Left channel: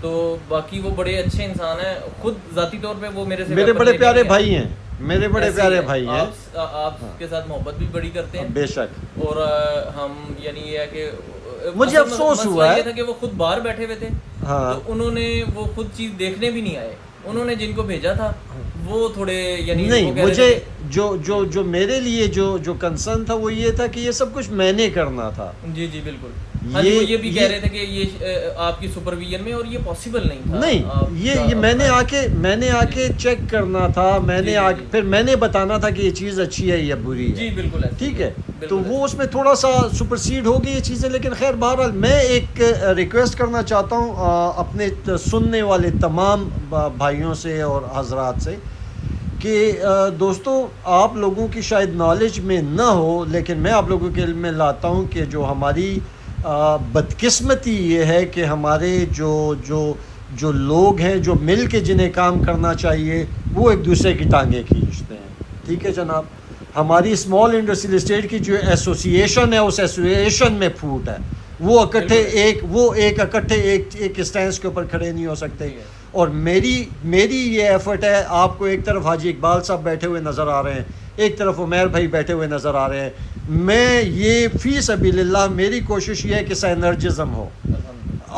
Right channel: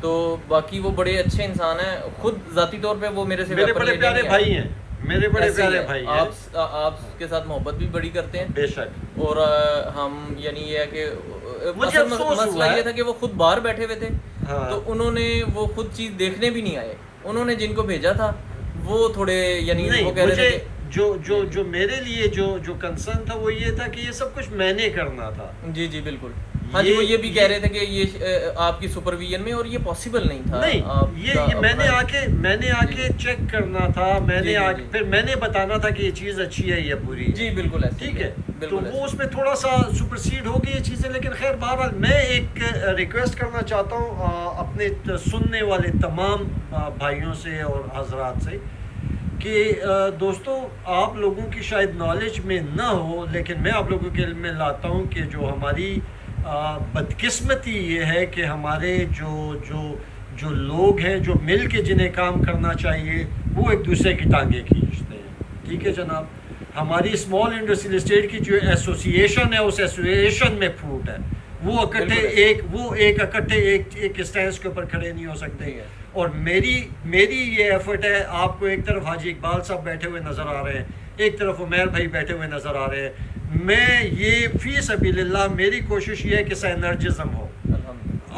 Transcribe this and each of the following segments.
تو باقی وہ بڑے اچھے انسان ہیں, خود ذاتی طور پہ وہ میرے سے میرے weapon بڑے لینے پیارے نہیں آئے. بھائی ہیں, میرے بڑے ایسے ہی پیارے ہے. بھائی ہیں. آپ کے ساتھ محبت بھی بڑی کرتے ہیں بے شک. اور ہم یعنی یہ ہے کہ مجھے اصل افسوس ہوا مسئلہ ہے. یہ تھا کہ وہ خود باہر بیٹھے ہوئے تھے, ہاں. تو انہوں نے وہ خود چیز دیکھنے بھی نہیں آئے. انہوں نے جن کو بھیجا تھا وہ تھوڑے یعنی وہ نہیں, کہہ رہے تھے مجھے کہ جو میرے لیے جو کنسرن تھا وہ یہ تھا کہ یہ سب کچھ میں نے کرنا تھا. جی جی بالکل. ہاں جی, وہ یہ بھی کہہ رہے تھے کہ یہ آپ کی سپرویژن میں, اور یہ پاسبل نہیں تھا. نہیں, یہ میں نے آ کے چیک کرنا تھا, میں نے پھر میں نے بتانا تھا کہ یہ چیز اچھی ہے یا بری ہے. جی بالکل ایسے ٹھیک ہے. تو وہ اس میں تھوڑا سا سپرسیڈ ہو گئی یہ چیزیں. لیکن خیر بہرحال میں ایک ریکویسٹ کرنا چاہتا ہوں اپنے سننے والے تمام بھائیوں سے اور حضرات سے کہ دوستو, آپ لوگوں کی شاید نالج میں نہ ہو, لیکن میں آپ لوگوں کے علم میں لاتا ہوں کہ جو ہماری بدقسمتی یہ ہے کہ ہمارے جو لوگ ہیں جو مل کے جنہیں کام کرنا چاہیے وہ ایک دوسرے کی ٹانگیں کھینچتے ہیں. ٹھیک ہے جناب. ہماری اسمال انڈسٹریل اسٹیٹ کی جو ایسوسیشن ہے اس ایسوسیشن میں پھوٹ ہے. وہ اکٹھے ایک اسٹینس کے اوپر کھڑے نہیں ہو سکتے. اور میری یہ ایفرٹ ہے. آپ کو ایک طرف حاجی اقبال صاحب بیٹھے ہوئے نظر آ رہے ہیں, ایک طرف عمیر بھائی بیٹھے ہوئے نظر آ رہے ہیں. میں یہ فی سبیل اللہ میری کوشش یہ ہے کہ سائنرجزم ہو,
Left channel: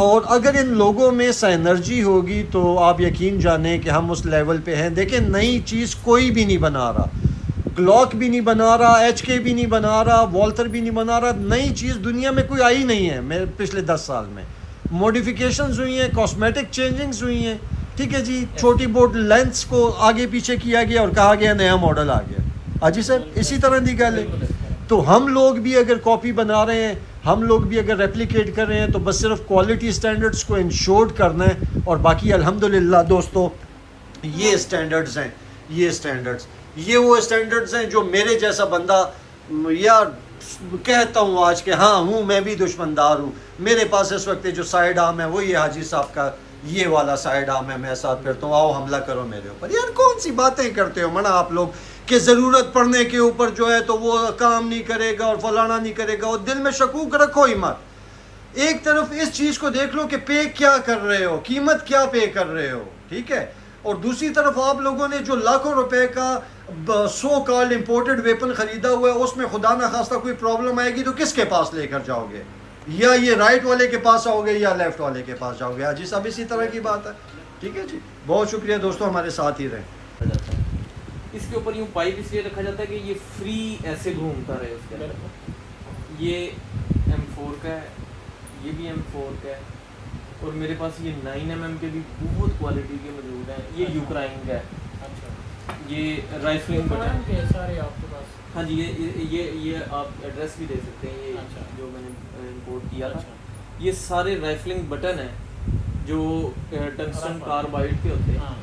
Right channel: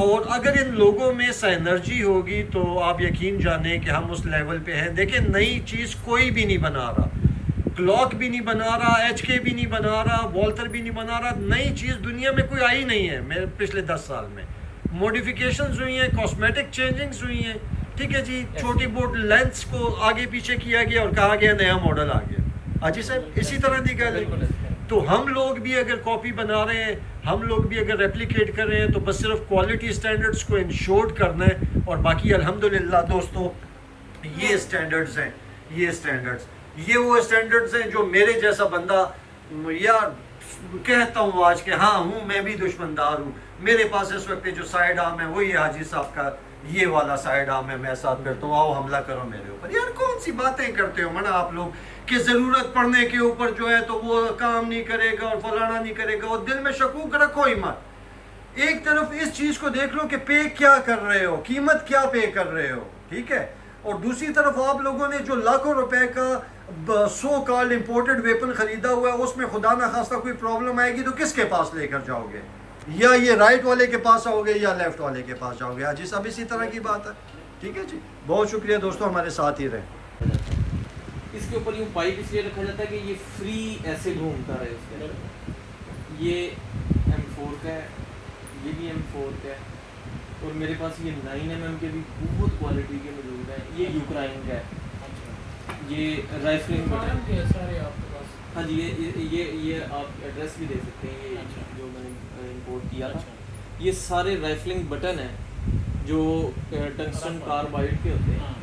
اور اگر ان لوگوں میں سائنرجی ہوگی تو آپ یقین جانیں کہ ہم اس لیول پہ ہیں. دیکھیں, نئی چیز کوئی بھی نہیں بنا رہا, گلاک بھی نہیں بنا رہا, ایچ کے بھی نہیں بنا رہا, والتر بھی نہیں بنا رہا. نئی چیز دنیا میں کوئی آئی نہیں ہے میرے پچھلے 10 سال میں. موڈیفیکیشنز ہوئی ہیں, کاسمیٹک چینجنگز ہوئی ہیں. ٹھیک ہے جی. چھوٹی بوٹ لینس کو آگے پیچھے کیا گیا اور کہا گیا نیا ماڈل آ گیا. حاجی صاحب اسی طرح دی گل ہے. تو ہم لوگ بھی اگر کاپی بنا رہے ہیں, ہم لوگ بھی اگر ریپلیکیٹ کر رہے ہیں, تو بس صرف کوالٹی سٹینڈرڈز کو انشورڈ کرنا ہے. اور باقی الحمدللہ دوستو یہ سٹینڈرڈز ہیں, یہ وہ سٹینڈرڈز ہیں جو میرے جیسا بندہ یار کہتا ہوں آج کہ ہاں ہوں میں بھی دشمندار ہوں. میرے پاس اس وقت جو سائیڈ آرم ہے وہ یہ حاجی صاحب کا یہ والا سائیڈ آرم ہے, میں ساتھ پھرتا ہوں, آؤ حملہ کرو میرے اوپر. یار کون سی باتیں کرتے ہو منا آپ لوگ کہ ضرورت پڑنے کے اوپر جو ہے تو وہ کام نہیں کرے گا اور فلانا نہیں کرے گا, اور دل میں شکوک رکھو ہی مت. ایک طرف اس چیز کو دیکھ لو کہ پے کیا کر رہے ہو, قیمت کیا پے کر رہے ہو. ٹھیک ہے. اور دوسری طرف آپ لوگوں نے جو لاکھوں روپے کا سو کالڈ امپورٹڈ ویپن خریدا ہوا ہے, اس میں خدا نہ خواستہ کوئی پرابلم آئے گی تو کس کے پاس لے کر جاؤ گے؟ یا یہ رائٹ والے کے پاس آؤ گے یا لیفٹ والے کے پاس جاؤ گے. حاجی صاحب اسی طرح کی بات ہے. ٹھیک ہے جی. بہت شکریہ دوستوں, ہمارے ساتھ ہی رہیں. اس کے اوپر یوں پائپ اس لیے رکھا جاتا ہے کہ یہ فری ایسے گھومتا رہے اس کے اندر. یہ M4 کا ہے, یہ بھی M4 کا ہے, اور میرے پاس یہ 9mm کے بھی بہت کوالٹی کے موجود ہیں. یہ یوکرائن کا ہے. یہ رائفلنگ بٹن کے سارے آپ کے پاس. ہاں جی, یہ آپ ایڈریس بھی دے سکتے ہیں. یہ جو میں نے امپورٹ کیا تھا, یہ سارے رائفلنگ بٹن ہیں جو ٹنگسٹن کاربائڈ کے ہوتے ہیں,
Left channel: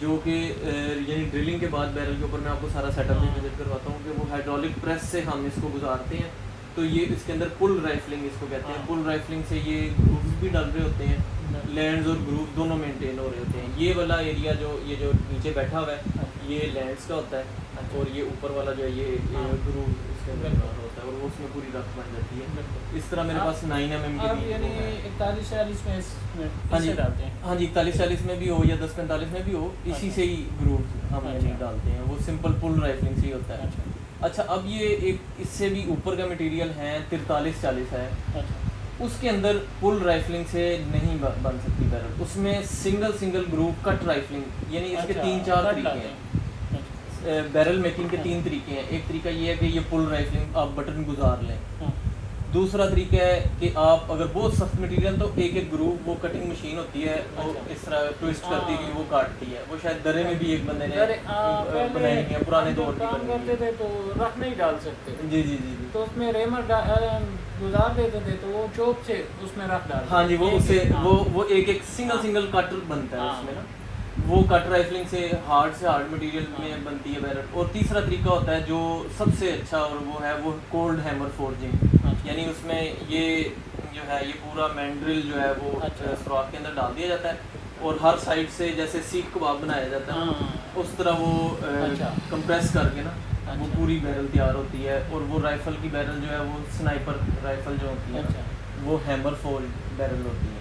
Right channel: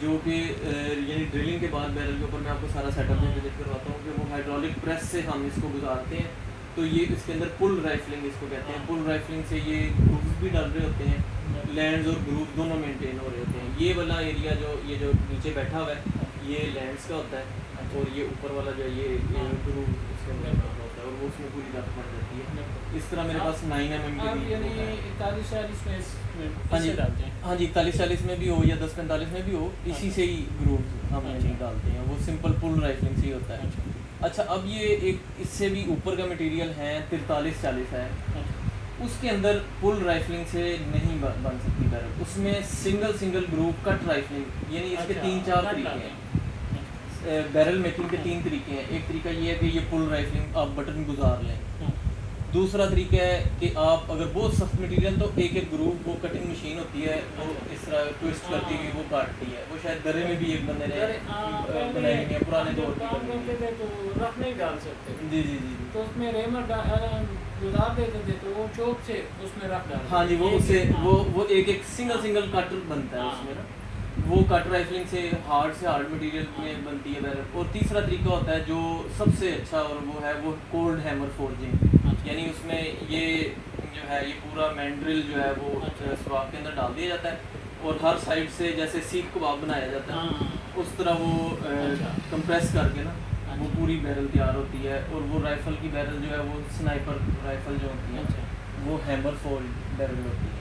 جو کہ یعنی ڈرلنگ کے بعد بیرل کے اوپر میں آپ کو سارا سیٹ اپ بھی وزٹ کرواتا ہوں کہ وہ ہائیڈرولک پریس سے ہم اس کو گزارتے ہیں. تو یہ اس کے اندر پل رائفلنگ اس کو کہتے ہیں. پل رائفلنگ سے یہ گروپس بھی ڈال رہے ہوتے ہیں, لینڈز اور گروپ دونوں مینٹین ہو رہے ہوتے ہیں. یہ والا ایریا جو یہ جو نیچے بیٹھا ہوا ہے یہ لینڈز کا ہوتا ہے, اور یہ اوپر والا جو ہے یہ گروپ اس کے اندر ہوتا ہے, اور وہ اس میں پوری رکھ بن جاتی ہے. اس طرح میرے پاس 9mm کے بھی یعنی 41-40 میں ہاں جی 41-40 میں بھی ہو یا 10-45 میں بھی ہو, اسی سے ہی گروپ ہم یعنی ڈالتے ہیں. وہ سمپل پل رائفلنگ سے ہی ہوتا ہے. اچھا, اب یہ ایک اس سے بھی اوپر کا مٹیریل ہے 43-40 ہے. اس کے اندر پل رائفلنگ سے نہیں بن سکتی بیرل. اس میں سنگل گروپ کٹ رائفلنگ, یعنی اس کے 3-4 طریقے ہیں. بیرل میکنگ کے 3 طریقے ہیں. ایک طریقہ یہ ہے کہ یہ پل رائفلنگ آپ بٹن گزار لیں. دوسرا طریقہ ہے کہ آپ اگر بہت سخت مٹیریل تو ایک گروپ وہ کٹنگ مشین ہوتی ہے, وہ اس طرح ٹویسٹ کرتی ہے, وہ کاٹتی ہے. وہ شاید درے میں بھی ایک بندے نے بنائی ہوئی ہے, پرانے دور کی بنائی ہوئی ہے. تو رکھ نہیں ڈال سکتے. جی تو اس میں ریمر گزار دیتے تھے تو وہ چوک سے اس میں رکھ ڈالتے. ہاں جی, وہ اس سے وہ ایک سنگل کٹ بنتا ہے اس میں نا. وہ کٹ رائفلنگ سے ہارڈ مٹیریل میں بنتی ہے بیرل. اور تیسرا طریقہ ہوتا ہے جو سب سے اچھا, اور وہ ہے وہ کولڈ ہیمر فورجنگ. یعنی اس میں یہ جو ہے یہ پورا مینڈرل جو ہے وہ سوراخ کے اندر ڈال دیا جاتا ہے, اور ہر سائڈ سے جیسے سیخ کباب بنایا جاتا ہے اس طرح وہ کمپریس کر کے نا وہ پوری بیرل تیار ہوتی ہے. اور وہ رائفل کی بیرل جو ہے وہ سنائپر رائفل جو ہوتی ہے وہ ہیمر فول بیرل ہوتی ہے.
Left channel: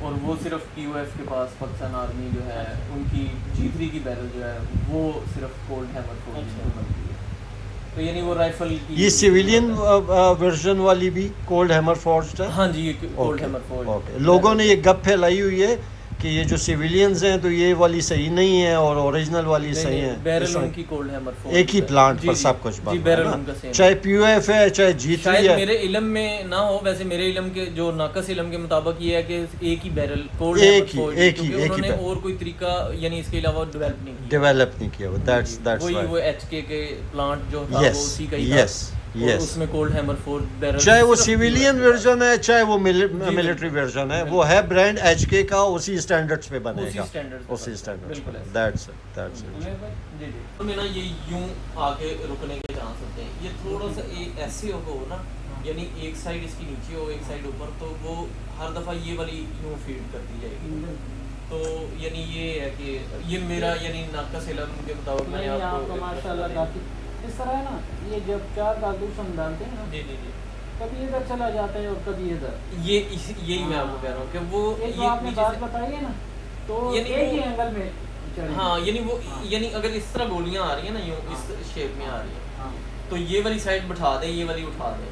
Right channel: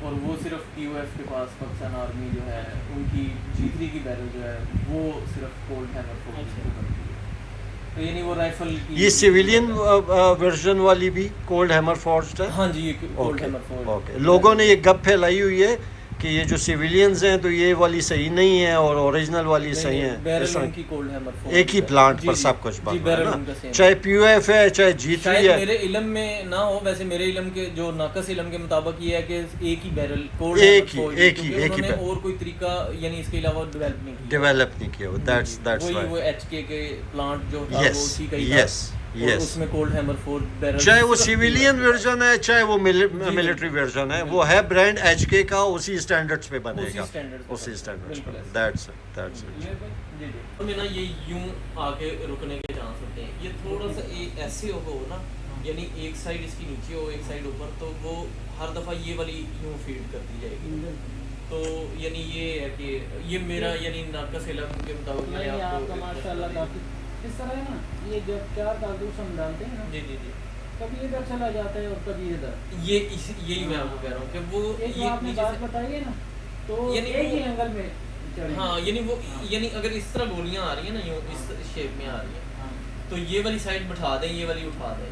اور وہ صرف QF کے پاس پاکستان آرمی جو ہے ان کی G3 کی بیرل جو ہے وہ صرف کولڈ ہیمر فورس کی بنتی ہے. تو یعنی وہ رائفل کی یہ سویلین ورژن والی بھی کولڈ ہیمر فورسڈ ہے. ہاں جی یہ کولڈ ہیمر فورس. اوکے. لوگوں نے یہ گپ پھیلائی ہوئی ہے کہ یہ جو سویلینز ہیں تو یہ والی صحیح نہیں ہے اور اوریجنل والی صحیح ہے. بیرل ان کی کولڈ ہیمر فورس ایک ہی پلانٹ پر سب کچھ جی بنا بیرل ہے ان کا نا, سیم. چاہے POF ہے چاہے G3 شاید ہے. میرے علم میں نہ ہو, ویسے میرے علم کے جو ناقص علم کے مطابق یہ ہے کہ ایک ہی بیرل کولڈ ہیمر انہوں نے اور کوئی طریقہ یعنی اس کے علاوہ ڈیولپ نہیں کیا. وہی وہ HK کے پلانٹ جو تھا وہ اسی کا ہی تھا اور اس میں کولڈ ہیمر 4 بیرل, چاہے وہ سویلین ورژن ہے چاہے وہ ملٹری ورژن ہے, وہ ہے برانڈ HK کا, اسی اسٹینڈرڈز پہ بنے گا, اسی اسٹینڈرڈز پہ. That's it. جی جی تو میں نا یہ یوں آگے رکنے کے چانس ہوتے ہیں. یہ تھوڑا سا ایسے ہو نا, یعنی ایک سائڈ اس کی نیچے ہو ایک سائڈ اوپر, تو وہ ہر دفعہ یہ والی یوں فیڈ کرتی جائے گی. تو یعنی یہ ہے کہ یہ میرا یعنی ناقص علم کے مطابق میں نے آپ کو ماشاءاللہ کافی اس طرح ہے نا. یہ جب 4 کارتوس ہم ڈالتے ہیں نا, جی جی جی, کبھی ادھر چلا جاتا ہے اور کبھی ادھر. یہی میں آپ کو کہہ رہا ہوں کہ وہ ایک آپ نے بات بتائی ہے نا, تو ایک ہی اینگل میں ہاں یعنی وہ یعنی اگر اس طرح گولیاں آ رہی ہیں نا یوں اس شیپ میں آ رہی ہیں تو یہ والی سائڈ بٹھا دیں یہ والی اٹھا دیں,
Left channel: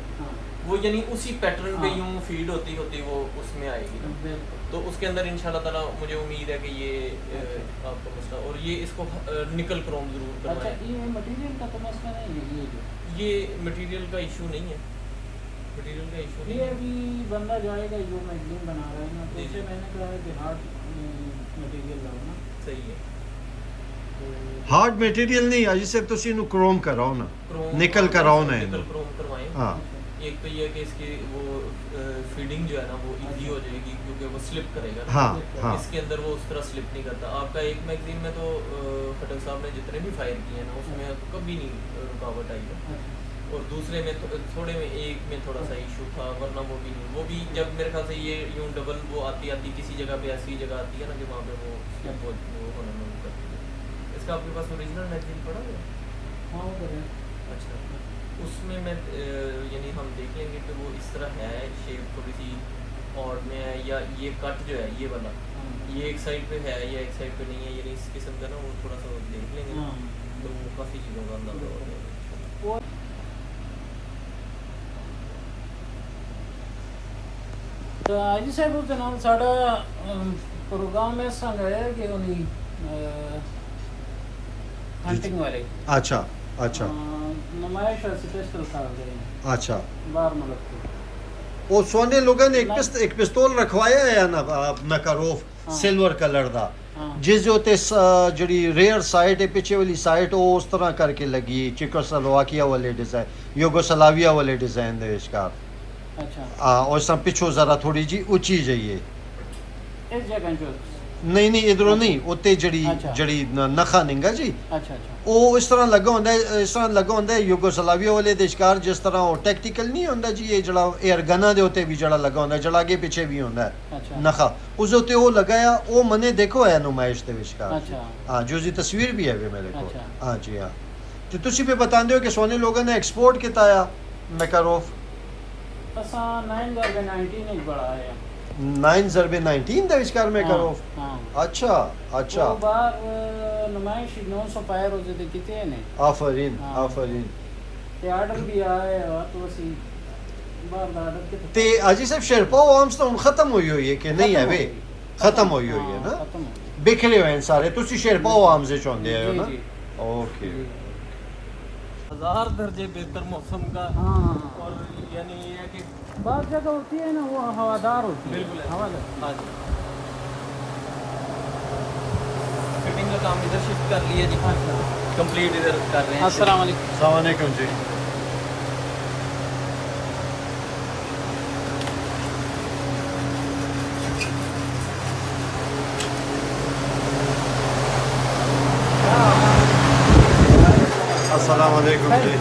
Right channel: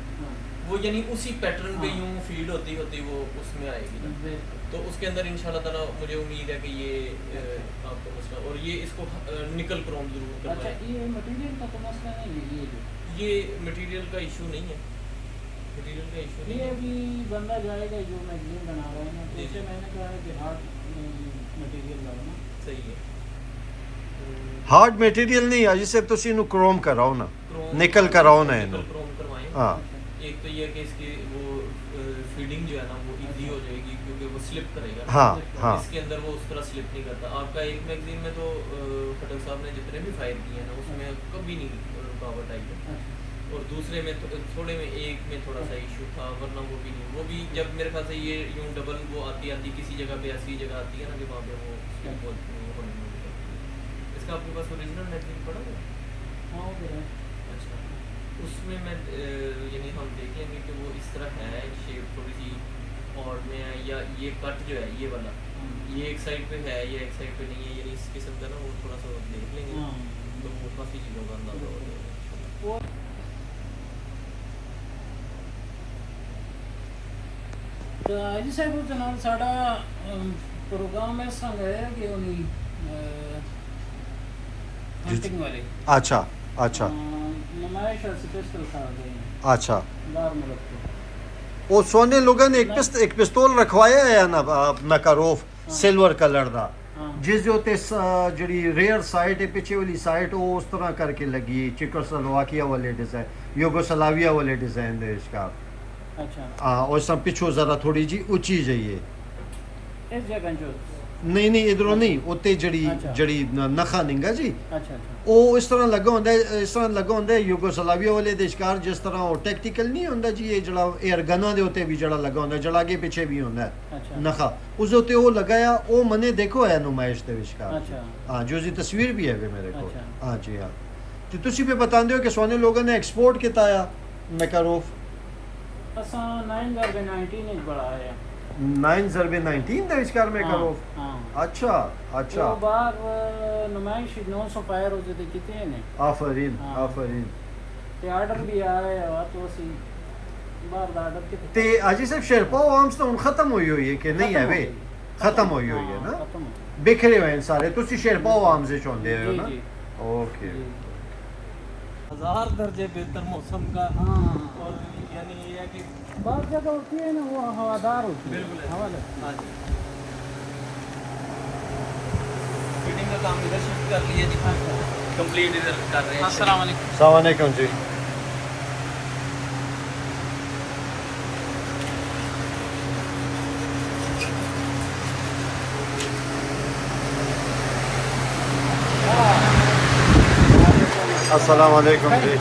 وہ یعنی اسی پیٹرن پہ یوں فیڈ ہوتی وہ اس میں آئے گی. تو اس کے اندر انشاءاللہ تعالیٰ مجھے امید ہے کہ یہ آپ کا مسئلہ, اور یہ اس کو نکل کروم ضرور کروائیں. یہ مٹیریل کا تو مسئلہ نہیں ہے, یہ مٹیریل کا ایشو نہیں ہے, مٹیریل کا ایشو نہیں یہ ہے. ابھی بندہ جائے گا جو میگزین بنا رہا ہے نا, تو اسے میں نے کہا ہے کہ ہارڈ مٹیریل لاؤ نا. صحیح ہے. ہارڈ مٹیریل نہیں آج سے تسی نو کروم کراؤ نا, نکل کراؤ نا, نکل کروم کروائیں. ہاں ایک تو یہ کہ اس کی وہ فیڈنگ جو ہے نا وہ ایزی ہو جائے گی کیونکہ وہ سلپ کرے گا. ہاں ہاں اس کے اندر وہ اس طرح سلپ نہیں کرتا. آپ کا ایک میگزین میں تو خٹک صاحب نے جتنے بھی فائر کیے ہیں نا اس میں کبھی نہیں رکاوٹ آئی ہے, اور دوسرے میں تھوڑے میں ایک میں تھوڑا سا ایشو تھا, ورنہ وہ بھی نہیں. وہ بھی جب میرے خیال سے یہ یوں ڈبل وہ آتی کسی جگہ پہ ایسی جگہ آتی ہے نا کہ وہاں پہ وہ ہونا نہیں کرتی ہے. اس کا آپ کے پاس اوریجنل میگزین پڑا ہوا ہے؟ ہاں ادھر ہے. اچھا, اس میں یعنی ہم دیکھ لیں گے کہ وہ اس طرح ہے, شیپ تھوڑی سی اور میں ہے, یا یہ کٹ جو ہے یہ والا یہ ایک سائڈ پہ ہے یا ایک سائڈ پہ نہیں ہے, یعنی اس قسم کا نا وہ تھوڑا سا دیکھ لیں گے تو وہ کافی چیزوں کا اندازہ ہو جائے گا. جی صاحب جناب ساڑا پروگرام اس طرح ہے کہ انہیں ہنٹنگ والے اچھا اچھا نمائش اور سپیشل کر رہے ہیں اچھا. باہر ملک کو. وہ سونے لوگوں نے ایک پستول رکھوایا ہے نا میکاروف سلور کلر دا, جس جو تے جڑی ریئر سائٹ ہے پیچھے والی سائٹ وہ اس طرح کر کے لگی چیکوسلواکیا والے ڈیزائن یوگوسلاویا والے ڈیزائن دے اس کا. اچھا اور اس پچھو ذرا تھوڑی جی اونچی جائیے. اس جگہ جو نہیں ادھروں نہیں اوتے جڑی نخا ننگا جی اچھا اچھا وہ اس طرح لگا ہوندا ہے یوگوسلاویا والے دے شکار جس طرح وہ ٹیکٹیکل نہیں ہوندا جی یہ جڑا ایئر گنا دے ہوتے بھی جڑا لگا ہوندا جڑا اگے پیچھے بھی ہوندا ہے نخا اس ہوتے وہ لگایا وہ منے دیکھو ہے نمائش دے وچکار. ہاں جو جی تصویر بھی ہے میرے کو. ہاں جی ہاں تو تسی پہ بتاندے ہو کہ سونے لوگوں نے ایکسپورٹ کیتا ہے میکاروف اساں 9/19 ایک بڑا ہے 9/19 دے وچکار میکاروف. اچھا اچھا وہ باہر نمائش 900 فائر ہو جاتے کتے ہیں. آفرین آفرین. تے آرڈر بھی آئے اور تو اسی باہر آرڈر کے تے حاجی صاحب شیرپا عوامس تو ختم ہوئی ہے کہ نہیں ہے وے ختم ہوئی ہے نا بکھرے ہوئے ہیں سارے. تسی شیرپا عوام سے چاہندے ہو نا. اوکے 1000 درجے بہتر موسم کا. اور یعنی یہ ہے کہ بعض جگہ ہوتی ہے نا وہ ہوادار ہوتی ہے. ہاں جی فٹنگ کا کام ادھر شفٹ کر لیے جی, کمپلیٹ ادھر کر رہے ہیں. السلام علیکم. السلام علیکم جی. السلام علیکم جی.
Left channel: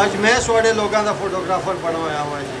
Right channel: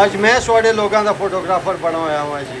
ਅੱਜ ਮੈਂ ਤੁਹਾਡੇ ਲੋਕਾਂ ਦਾ ਫੋਟੋਗ੍ਰਾਫਰ ਬਣਾ ਹੋਇਆ ਹਾਂ ਜੀ।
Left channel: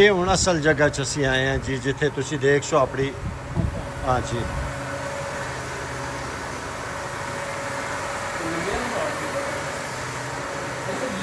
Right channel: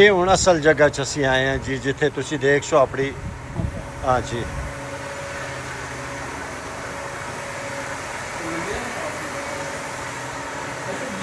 ਇਹ ਹੁਣ ਅਸਲ ਜਗ੍ਹਾ 'ਚ ਅਸੀਂ ਆਏ ਹਾਂ ਜੀ, ਜਿੱਥੇ ਤੁਸੀਂ ਦੇਖ ਸੋ ਆਪਣੀ ਹਾਂ ਜੀ।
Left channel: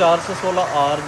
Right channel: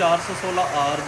416R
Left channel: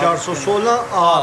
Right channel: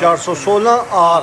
416R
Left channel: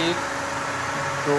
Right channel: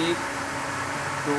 1 2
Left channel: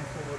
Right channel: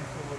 M4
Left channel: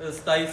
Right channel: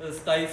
27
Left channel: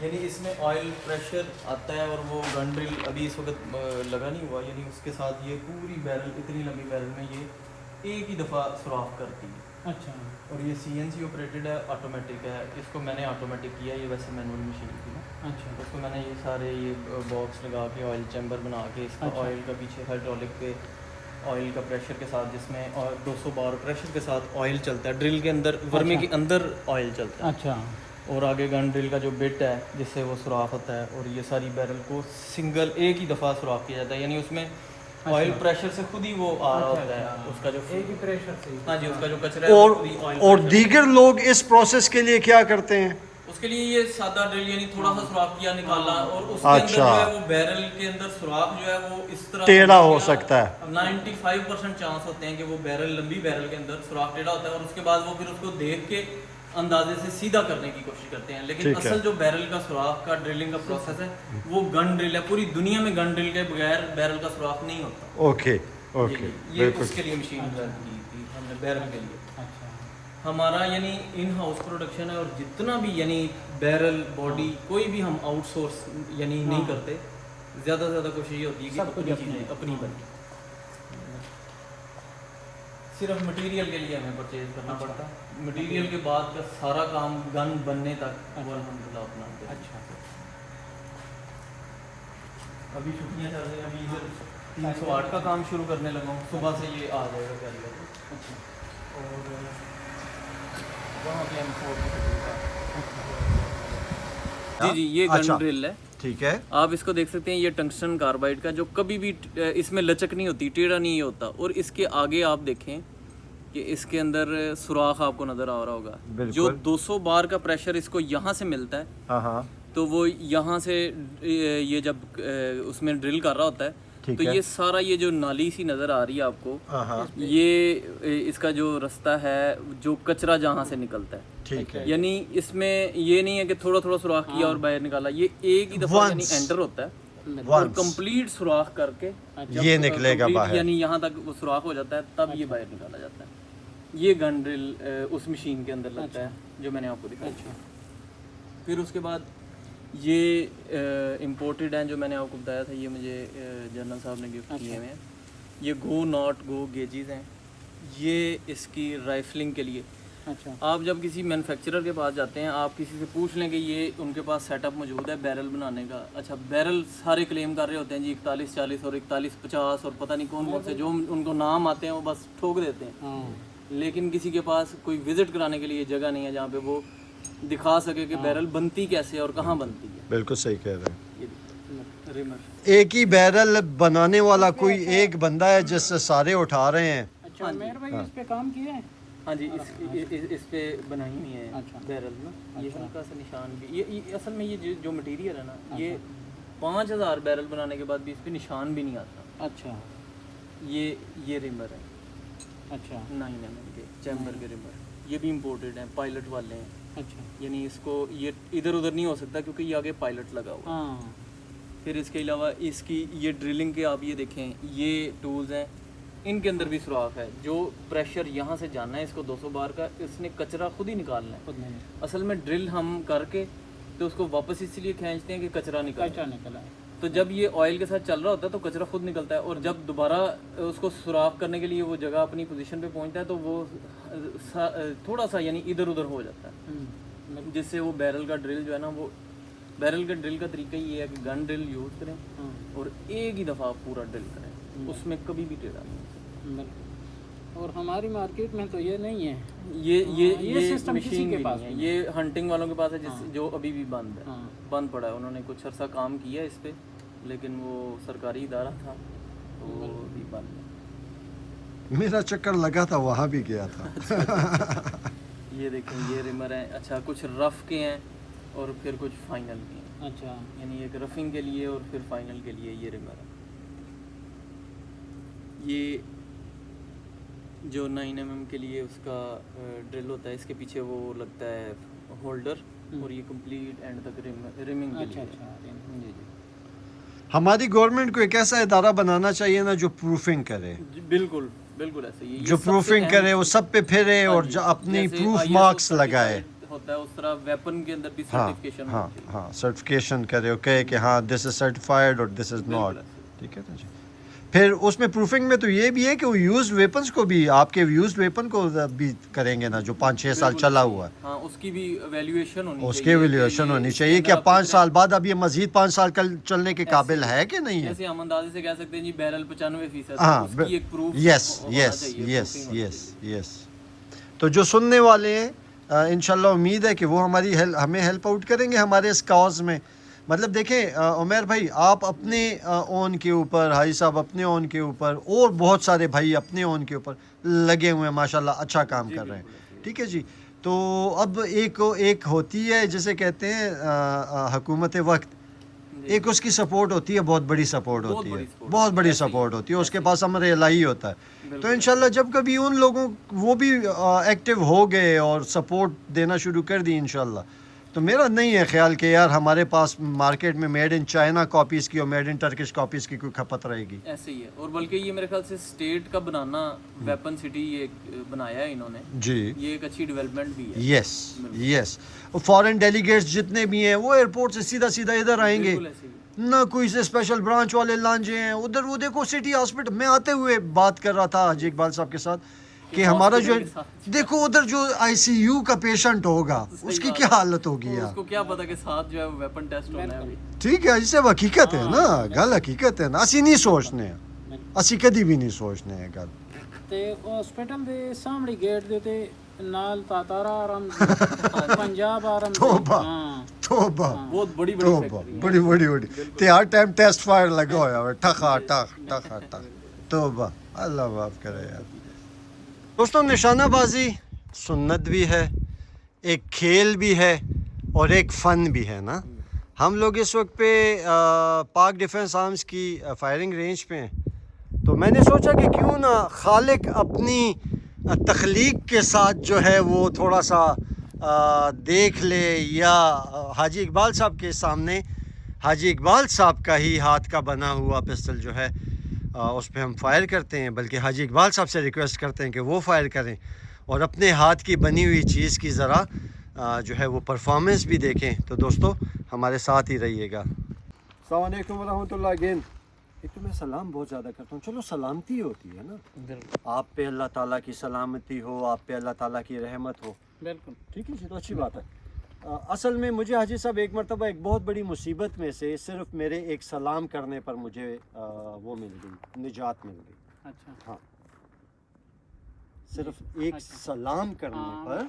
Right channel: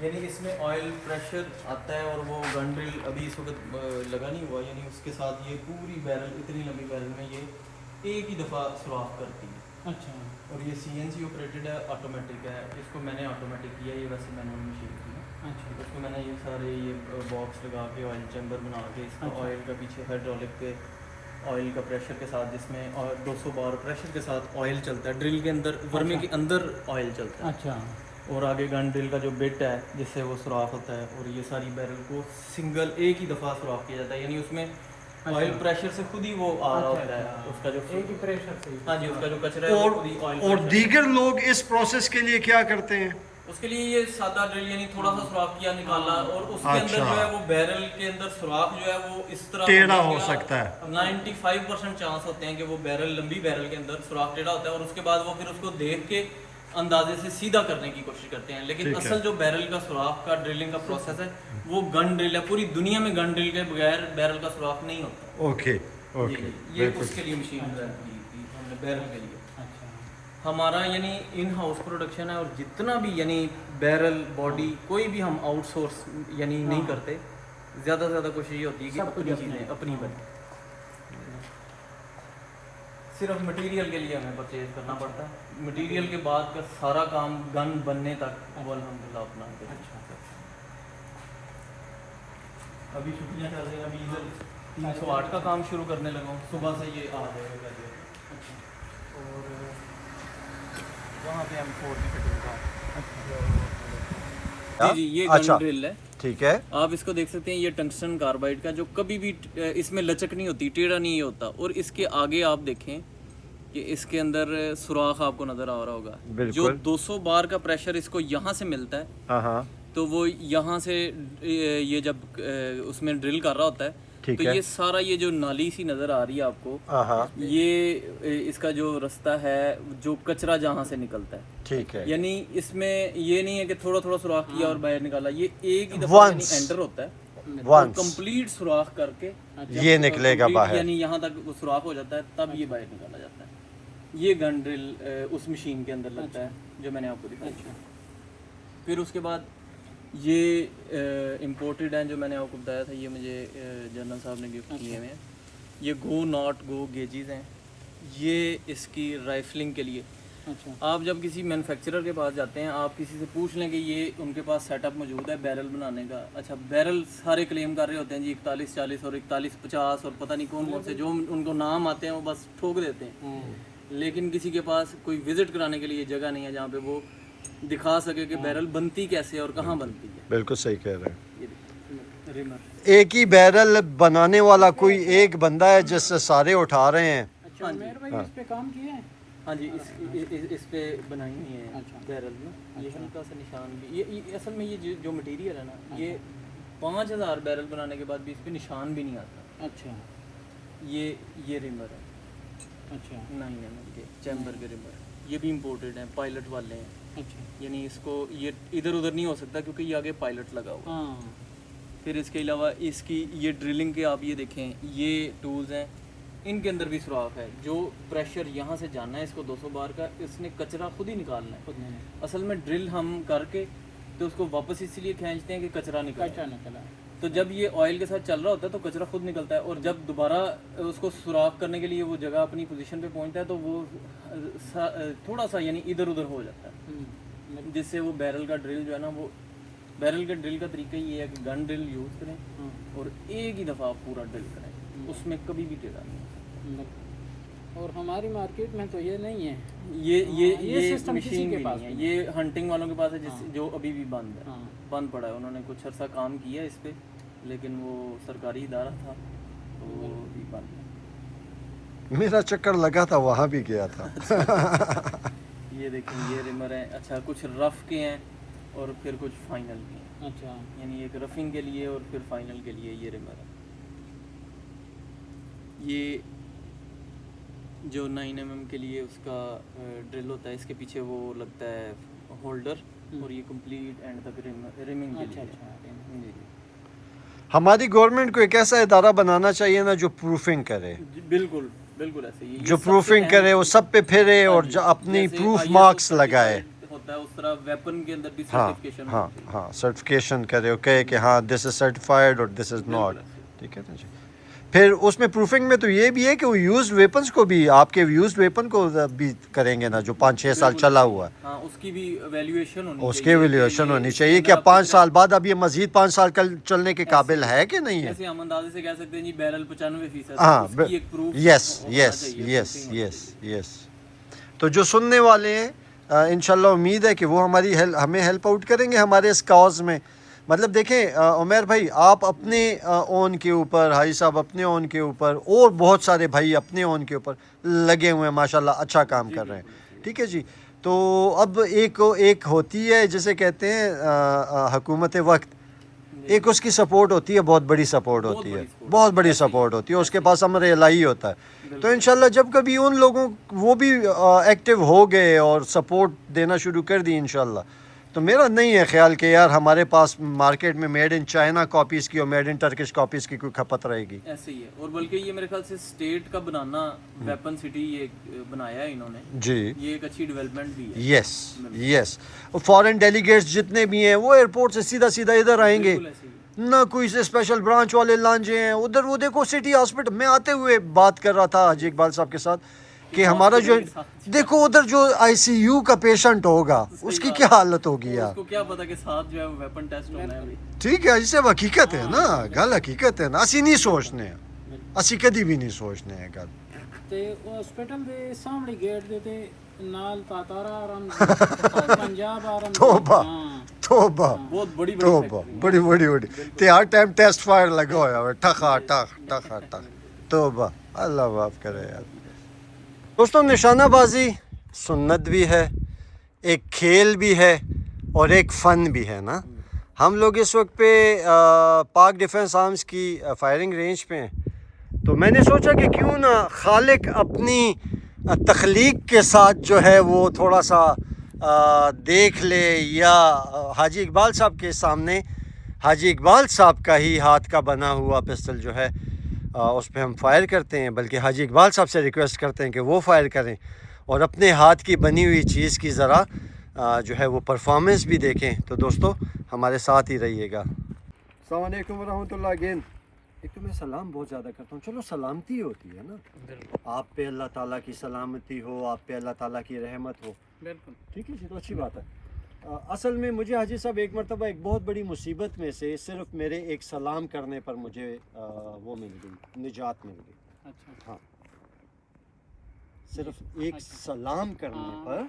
یعنی اس میں آئل پریشر آتا ہے اور وہ گن ڈرل ابھی اس وقت لگا نہیں ہوا, یعنی اس کے ساتھ یہ پوری بیرل, اتنی لمبی بیرل میں یہ ایک ہی دفعہ سوراخ کرتی ہے. اچھا. اور یہ سی این سی آپریٹڈ ہے, آٹومیٹک ہے. اس کو میں نے آٹومیٹک کیا, یہ ویسے مینول مشین تھی. اچھا. اس کو میں نے یہ سارے یہ باکس لگا کے آئل چیمبر بنا کے اس کا آئل کا پیچھے ہائیڈرولک کے آئل کا پریشر کے ساتھ, جس میں 200 بار پریشر کے ساتھ آئل چلتا ہے ڈرل کے اندر, ورمی کے اندر آئل چلتا ہے. اچھا. اور آگے گن ڈرل کا جو بٹ ہے جس سے وہ سوراخ ہوتا ہے, اور یہ ساری بیرل کو سنگل ایک ہی دفعہ سوراخ کیا جاتا ہے. یعنی اس میں آئل پریشر سے خود ہی وہ آ رہا ہوتا ہے, اس کا جو ایک ہی پریشر سے. ہاں جی, اس کا جو کچرا ہے اور دیگر لوگ اس پروسیس کے لیے کیا کرتے ہیں؟ اس کے لیے یہ سادہ ڈرل, یعنی تھوڑا سا سوراخ کیا نکالا, اور اس کے اندر جو ہے وہ بیرل کے اندر سوراخ جو ہے وہ اس طرح ٹیڑھا ہو سکتا ہے. 95% چانس ہوتے ہیں کہ وہ بیرل, لمبی بیرل کے اندر سوراخ ٹیڑھا ہوتا ہے, اور اس کے بعد وہ پھر اس کو دیکھ کے اندازے سے سیدھا کرنے کی کوشش کرتے ہیں. لیکن اصل جو بیرل کا سوراخ کا ڈرلنگ کا پروسیس ہے وہ گن ڈرل ہے. پوری دنیا میں گن ڈرل کے بغیر بیرل کا سوراخ نہیں ہوتا. اوکے اوکے, یہ اس کے لیے مشین کی تھی ہم نے بیرل کے لیے. ہمارا یعنی ان ہاؤس پروڈکشن ہے, اور جتنا بھی یعنی بیرل باڈی کوئی بھی ہم آؤٹ سورس یعنی نہیں کرتے. زیادہ سے زیادہ کوشش یہ ہوتی ہے کہ اپنی چیزیں اپنی بنیں. صرف مٹیریل کے لیے ہمیں پرچیز کرنا پڑتا ہے, مٹیریل کے بعد کا سارا کام گن بننے تک وہ الحمدللہ اپنا. اچھا. ابھی چھٹیاں چل رہی ہیں, ابھی ادھر 308 کا کام شروع کرنے لگا ہوں, صبح سے یہ آ جائے گا. اور وہاں پہ ہم 4 کی فٹنگ کا. جی یہ گن ڈرل ہے. ٹھیک ہے, آپ اس کو دیکھ سکتے ہیں, یہ ٹنگسٹن کاربائڈ کا, جو کبھی بھی اس میں لچک نہیں ہوتی, ٹیڑھا نہیں ہوتا. اور اس کے آگے آپ دیکھیں کہ اس کے اندر سوراخ آپ کو نظر آ رہا ہوگا. جو 200 بار کا پریشر اس کو یہاں سے ملتا ہے, تو وہ یہاں سے یہ جب اس میں ڈرل کر رہا ہوتا ہے تو یہ سارا یہ جو نالی سی نظر آ رہی ہے آپ کو, یہ اس کا جو رستہ ہے جو کچرا جہاں سے نکلتا ہے. ٹھیک ہے, یعنی اس میں یہ نہیں ہے کہ تھوڑا تھوڑا سوراخ کیا اور باہر نکالا, یہ ایک ہی دفعہ یعنی انٹر ہوتا ہے اور کمپلیٹ سوراخ کر کے یہ نکلے گا باہر, یعنی یہاں تک وہ سوراخ ہو جاتا ہے, تب یہ باہر نکالا جاتا ہے. یہ گن ڈرل اس مشین کے اندر لگتا ہے جو میں نے آپ کو دکھایا. پھر اس کے بعد یہ امپورٹڈ ہیں جو میں نے آپ کو بتایا تھا, یہ مجھے جنرل صاحب نے گفٹ کیے ہوئے ہیں. یہ گو ناٹ گو گیجز ہیں, یہ اس کی رائفلنگ کے لیے. اچھا. آپ جب کسی مینوفیکچرر کے پاس جاتے ہیں, آپ کسی سے پوچھ لیں کہ یہ ان کے پاس سیٹ اپ موجود ہے بیرل بنانے کا. اچھا, بیرل سارے کلیم کر رہے ہوتے ہیں جی 4140 اور 4150 اور پتہ نہیں کون کون سے, جو ان کو نام آتے ہیں وہ بس ٹھوک دیتے ہیں. لیکن کسی کے پاس کوئی وزٹ کرانے کے لیے جگہ نہیں ہے جہاں پہ وہ دکھا سکے کہ بیرل بنتی کیسے اور کہاں بنتی ہے. بالکل صحیح کہہ رہے ہیں. ایک ہی بیرل بنانے والا کوئی ایک بندہ ہے جس سے سارے اٹھا رہے ہیں. اچھا, میر بھائی اس پہ کام کیے ہیں؟ ہاں جی, اس پہ بنائی ہوئی ہیں بیرل نا. یہ ہلکا سا نشان بھی, یہ اصل میں یہ جو مٹیریل ہے نا, یہ 5000 بیرل بنانے کے بعد بھی اس پہ نشان بھی نہیں آتا. اچھا. یہ ریمر ہے. اچھا. 9 mm کے چیمبر کے ریمر, یہ بھی امپورٹڈ ہیں, پائلٹ والے ہیں. اچھا. یعنی اس کو یہ ادھر ادھر نہیں ہو سکتا کیونکہ یہ آگے پائلٹ لگا ہوا. پھر اس کے علاوہ اس کی یہ ڈرلنگ کے آپ یہ دیکھیں, یہ ٹولز ہیں, ان کے اندر بھی سوراخ ہے. جو پریشر یہاں سے جانا ہے اس کو 200 بار کا, اس نے کچرا خود ہی نکالنا ہے. اصل میں ڈرل ہم کر کے تو اس کو واپس اس لیے کھینچتے ہیں کہ کچرا نکلا ہے. تو جب یہ آئل کے ساتھ چل رہا ہوتا ہے تو کچرا خود نکلتا ہے, اور جب دوبارہ اس کو سوراخ کرنے کے لیے وہ جگہ اپنی پوزیشن پہ پہنچتا ہے تو وہ تھوڑا سا یعنی ادھر ادھر ہو جاتا ہے, جس سے وہ بیرل کا ڈرل جو ہے نا, وہ بیرل کا ڈرل کا طریقہ یہ ہے کہ گن ڈرل یوز کریں اور ایک ہی دفعہ پورا ڈرل کریں, اس میں کبھی بھی ٹیڑھا نہیں. اور ہماری مارکیٹ میں تو یہ نہیں ہے, یہ مشین بھی نہیں ہے. یہ ہنٹنگ والوں کے پاس ہے جو ابھی بھی بند ہے, بند پڑا ہے. انہوں نے کچھ عرصہ کام کیا اس پہ, لیکن وہ سرکاری ادارہ تھا تو وہ ابھی بند ہے. میرا چکر لگا تھا, وہاں بھی گیا تھا. یہ دیکھیں, یہ ریمر ہیں. اچھا, کچھ رف کے ہیں اور پھر کچھ فائنل کے ہیں. اچھا. یعنی ایک رفنگ کے لیے اور پھر فائنل کے لیے یہ ریمر ہے. یہ جو 9 mm کے لیے اس کا ڈرل ہوتا ہے, اس کے پیچھے وہ لگتا ہے ہولڈر, اور یہ کمپلیٹ اینڈ تک ریمنگ کے لیے. جی جی. ہماری گورنمنٹ کو ایک ایسا ادارہ بنانا چاہیے نا جو پروفنگ کرے. بالکل بالکل ایسے ہی, جو پروفنگ کرے, وہ سب پہ پھرے اور جو اپنی پروف مارکس لگائے. ہوتا ہے اس طرح ویپن کے اندر بھی ہاں سرٹیفکیشن ہاں ہاں سرٹیفکیشن کرے اوکے کہ ہاں دس از سرٹیفائڈ اور دس از ناٹ. ٹھیک ہے نا جی. پھر اس میں پروفنگ میں تو یہ بھی ہے کہ وہ یوزڈ ویپنس کو بھی آپ کے یوزڈ ویپن کو بھی کریں گے نا جو 5-6 سال چلا ہوا ہے. ہاں اس کی بھی ویلیویشن ہونی چاہیے. اس کی ویلیویشن ہونی چاہیے کہ اب 5 سال بعد اب یہ مزید 5 سال چلنے کے قابل ہے کہ نہیں ہے. ایسے ہم اندازے سے کہہ سکتے ہیں جی بیرل 95%. ہاں اس کی ایک پروف یس یس یس یس یس. تو جو سننے والے ہیں انشاءاللہ امید ہے کہ وہ ہمیں ہیلپ آؤٹ کریں گے ہمارے اس کاز میں. مطلب دیکھیں عمیر بھائی آپ اپنے اون کے اوپر حاجی صاحب اپنے اون کے اوپر اور بہت سارے بھائی اپنے اون کے اوپر لگے ہوئے ہیں ماشاءاللہ اچھا کام کر رہے ہیں. ٹھیک ہے جی. تو اب ایک ہوتی ہے جسے کہتے ہیں حکومت وقت, ایک اس کی سپورٹ ہوتی ہے, بہت بڑی سپورٹ ہوتی ہے, بہت بڑی سپورٹ ہوتی ہے, اس کے پاس امر الہی ہوتا ہے. تو انشاءاللہ جب کبھی ان لوگوں وہ بھی ایکٹیو ہو گئے اور سپورٹ دینا شروع کر دی انشاءاللہ, تو میرا نہیں ہے خیال کہ یار ہمارے پاس مارکیٹ میں میڈ ان چائنا کاپیز کی اور میڈ ان ٹرکش کاپیز کی کوئی کھپت رہے گی. ایسے ہی ہے. اور بلکہ یہ میرے خیال سے اسٹیٹ کا بنانا ویپن سٹی یہ بنایا ہے انہوں نے جی. یہ ایک اچھی ڈیولپمنٹ بھی ہے. یس یس. فارن ڈیلیگیٹس جتنے بھی ہیں وہ ایئرپورٹ سے سیدھا ادھر آئیں گے, نہ کوئی سے اسپیشل برانچ والے لانجے ہیں ادھر. وہ دیکھو سٹی ہاسپٹل میں آتے ہوئے بات کر رہا تھا حاجی اقبال صاحب کے ساتھ کہ ہمارا جو دیکھو ادھر جو آئی سی یو کا پیشنٹ ہوگا اس کی کیا حالت ہوگی یار. اس کو کیا پتا کہ ساتھ جو ہے ویپن ٹیسٹ ہونا ہے ابھی. ٹھیک ہے اسے حقیقت ہے نا, گل حقیقت ہے نا. اسی نہیں سوچنے ہیں, اسی کدی بھی نہیں سوچنے ہیں گل. تے ہاسپٹل دے سامنے گیٹ دے تے نال تاتارا آرام پنجاب آرام. توبہ توبہ بہت بڑی توبہ بڑی تے ہر ٹائم ٹیسٹ فائر لگا ہوا ہے ٹھکا ٹک ٹکا ٹک. توبہ اللہ معاف کرے یار. دوستوں نشانہ بازی سنت بھی ہے, ایک کھیل بھی ہے اور ایک فن بھی ہے نا. ہم لوگ اس وقت پہ پاک ڈیفنس آرمز کی فائرنگ رینج پہ ہیں, تو میں نے سوچا کہ کیوں نہ خالق اپنی تخلیق کے ساتھ جو ہے وہ تھوڑا سا دیکھ لے, یا حاجی اقبال صاحب کے سامنے حاجی اقبال صاحب کا ہی ہاتھ کا بنا ہوا پسٹل جو ہے اس پہ ہم فائر کرتے ہیں, بلکہ حاجی اقبال صاحب سے ریکویسٹ کرتے ہیں کہ وہ فائر کریں اور اپنے ہاتھ کی بنی ہوئی چیز کی ذرا جو ہے وہ پرفارمنس بھی دیکھیں. تو دوستو ہمارے ساتھ ہی رہیے گا. السلام علیکم ورحمۃ اللہ. اگین ایک تو میں سلام بہت زیادہ کرتا ہوں, چلو سلامتی ہوتی ہے نا, آپ پہ اللہ تعالیٰ کی سلامتی ہو, آپ پہ اللہ تعالیٰ کی رحمت ہو. بالکل ٹھیک ہے جی, تو اچھی بات ہے. اصل میں مجھے حاجی صاحب ایک مرتبہ ایک بہت بڑی مصیبت میں سے صرف میرے ایک سلام کرنے پر مجھے وہ مل گئی, نجات مل گئی. اچھا ہاں صرف ایک سلام کرنے پر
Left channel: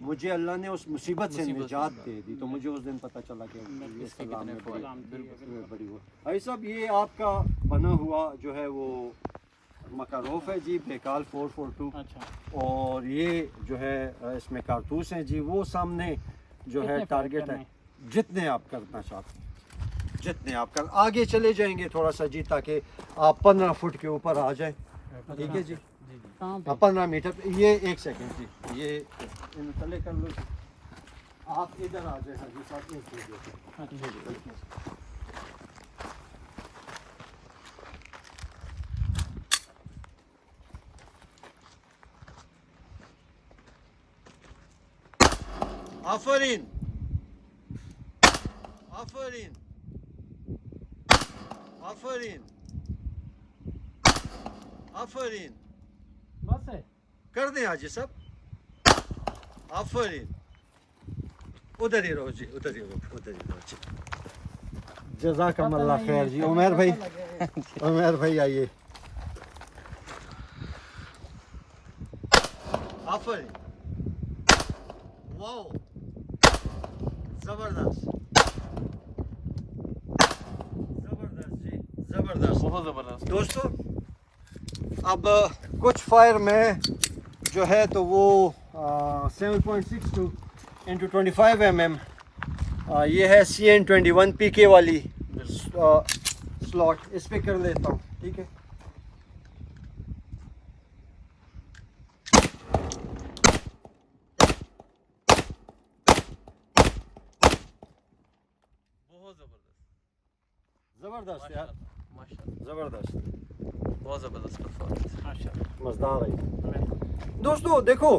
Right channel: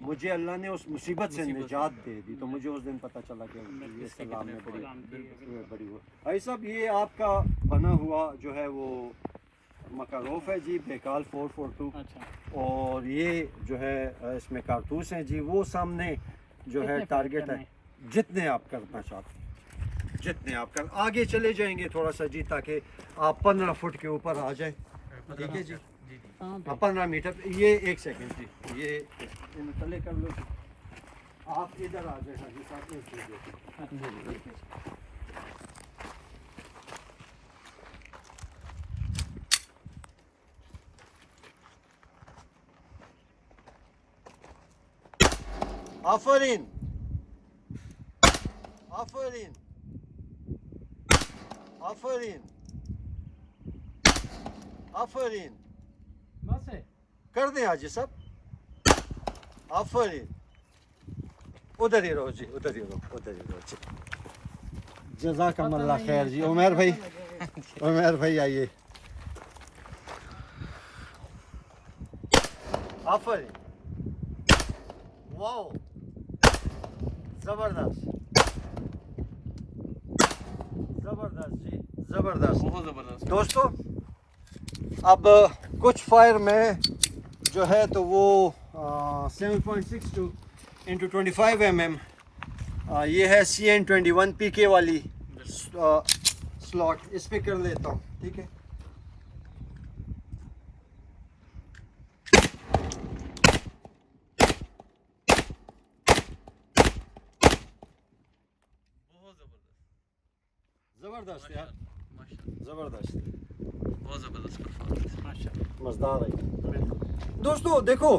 مجھے اللہ نے اس مصیبت سے نجات دے دی. تو مجھے اس دن پتہ چلا کہ یہ سلام میں بڑی ہوا. بھائی صاحب یہ آپ کا بنا ہوا جو ہے وہ مکاروف ہے جی, بیکال 442. اور یہ جو ہے اس میں کارتوس ہیں جی. وہ سامنے جو ہے ٹارگٹ ہے, جتنے آپ کرنا چاہتے ہیں جتنے آپ کر آگے چلے جائیں گے تھوڑا سا جی, تاکہ آپ 15 فٹ کے اوپر آ جائیں. ٹھیک ہے جی, 15 میٹر. یہ ایک سیکنڈ جی, یہ تلے کر لو جی, آپ ادھر آ جائیں حاجی صاحب. ایک چیز آفرین آفرین آفرین آفرین. بس ہے کر دیں حاجی صاحب. آفرین. ادھر ہی رہو جی, ادھر ہی رہو, ادھر ہی رہو جی. جزاکم اللہ خیر جی. عمیر بھائی, عمیر بھائی آئیے. آفرین. واو زبردست زبردست جی, زبردست, بہت زبردست. دوستو اب کچھ فائر میں جو ہے تو وہ 7.62 into 25 mm یہ ہے CN21 PK والی سلاٹ, اس پہ کر لیتا ہوں. ٹھیک ہے زبردست یار, زبردست, بہت زبردست پرفارمنس. مزدار ہے. دوستو دیکھو